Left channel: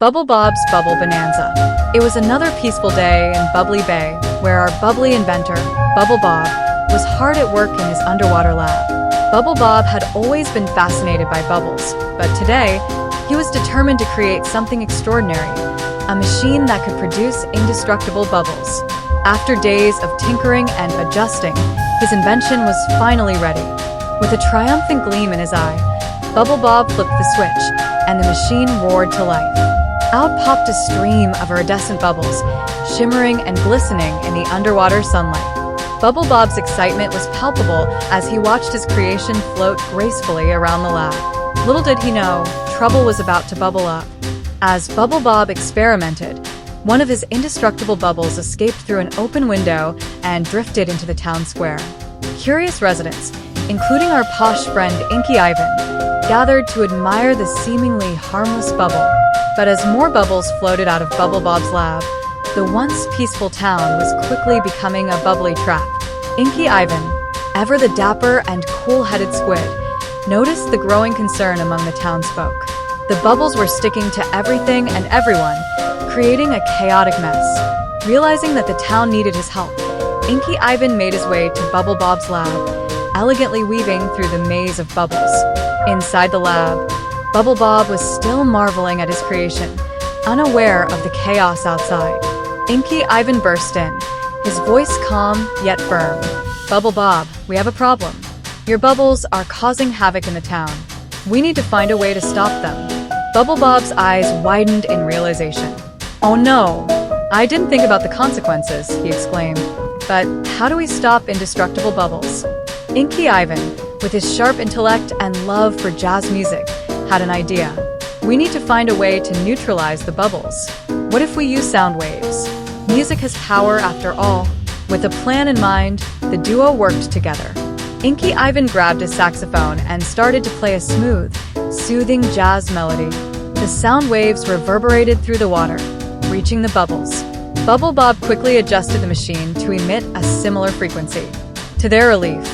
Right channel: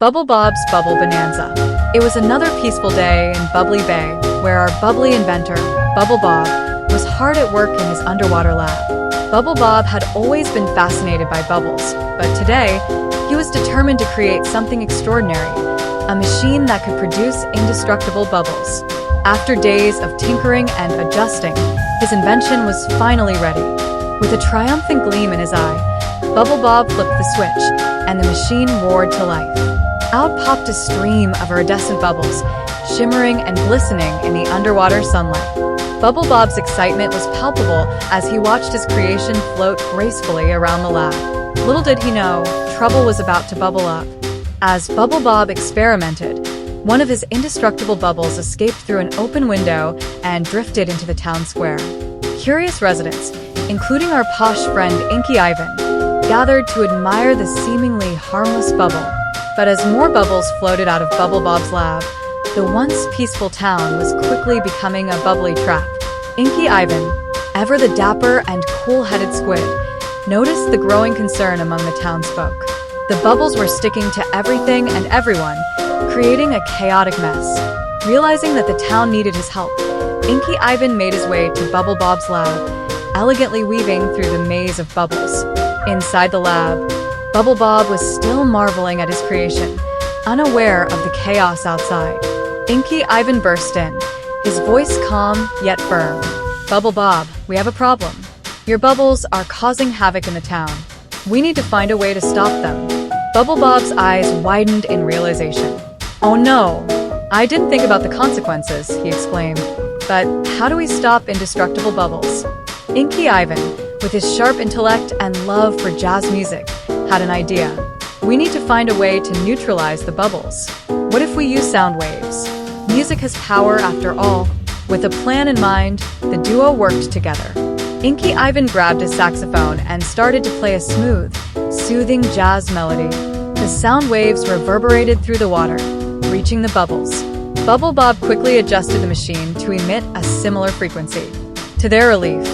BubbleBob's Bubble Bonanza. It was another peaceful day in Bubbly Bay, where our bubbly inventor, BubbleBob, was hard at work in his underwater lab. BubbleBob had always been fascinated by bubbles, but today, he was determined to create something extraordinary, a machine that could produce indestructible bubbles. After days of tinkering and adjusting, his invention was finally ready. With a triumphant gleam in his eye, BubbleBob flipped the switch, and the machine roared to life. Out popped a stream of iridescent bubbles, shimmering and glistening in the underwater sunlight. BubbleBob's excitement was palpable as he watched his creation float gracefully around the lab. Little did he know, trouble was about to bubble up. As BubbleBob experimented, one of his indestructible bubbles escaped through an open window and drifted into the town square. Curious residents, including our posh friend Inky Ivan, gathered to admire the seemingly harmless bubble. But as more bubbles floated out of BubbleBob's lab, the once peaceful town was quickly becoming a bubbly trap. Inky Ivan, ever the dapper and cool-headed squid, noticed the growing concern among the townsfolk. The bubbles were sticking to everything and everyone, creating a chaotic mess. Realizing that the town needed his help, Inky Ivan made his way to BubbleBob's lab, elegantly weaving through the maze of bubbles. Inside the lab, BubbleBob was still marveling at his creation, unaware of the chaos outside. Inky Ivan burst in, his voice calm yet firm. "BubbleBob, we have a problem. Your bubbles are causing havoc in the town. We need to find a way to stop them." BubbleBob's eyes widened in realization. "Oh no, I didn't think about the consequences," he exclaimed. "But how do we stop indestructible bubbles?" Inky Ivan, with his sharp intellect and love for jazz music, had an idea. "We need to find a way to neutralize the bubbles. What if we use sound waves? Music has power after all." With a plan in mind, the duo worked together. Inky Ivan grabbed his saxophone and started to play a smooth, soothing jazz melody. The sound waves reverberated through the water, reaching the bubbles. BubbleBob quickly adjusted the machine to emit a similar frequency. To their relief,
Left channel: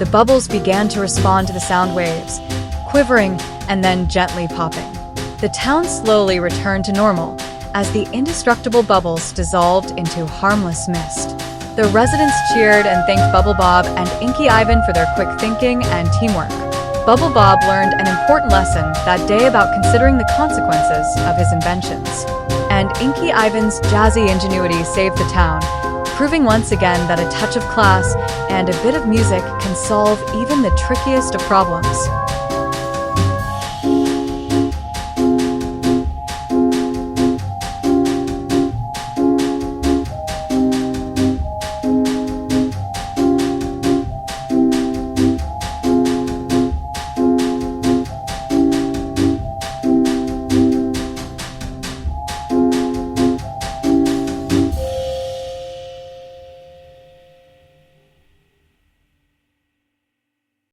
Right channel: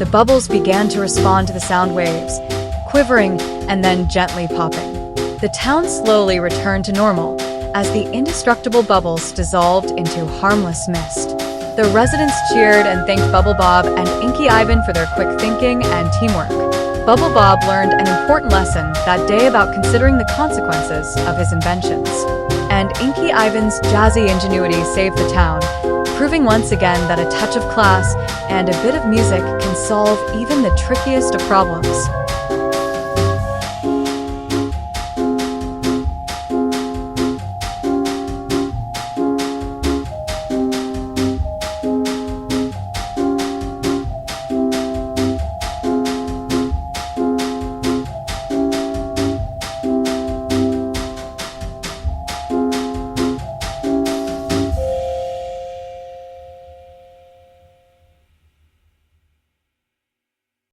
the bubbles began to respond to the sound waves, quivering and then gently popping. The town slowly returned to normal as the indestructible bubbles dissolved into harmless mist. The residents cheered and thanked BubbleBob and Inky Ivan for their quick thinking and teamwork. BubbleBob learned an important lesson that day about considering the consequences of his inventions. And Inky Ivan's jazzy ingenuity saved the town, proving once again that a touch of class and a bit of music can solve even the trickiest of problems.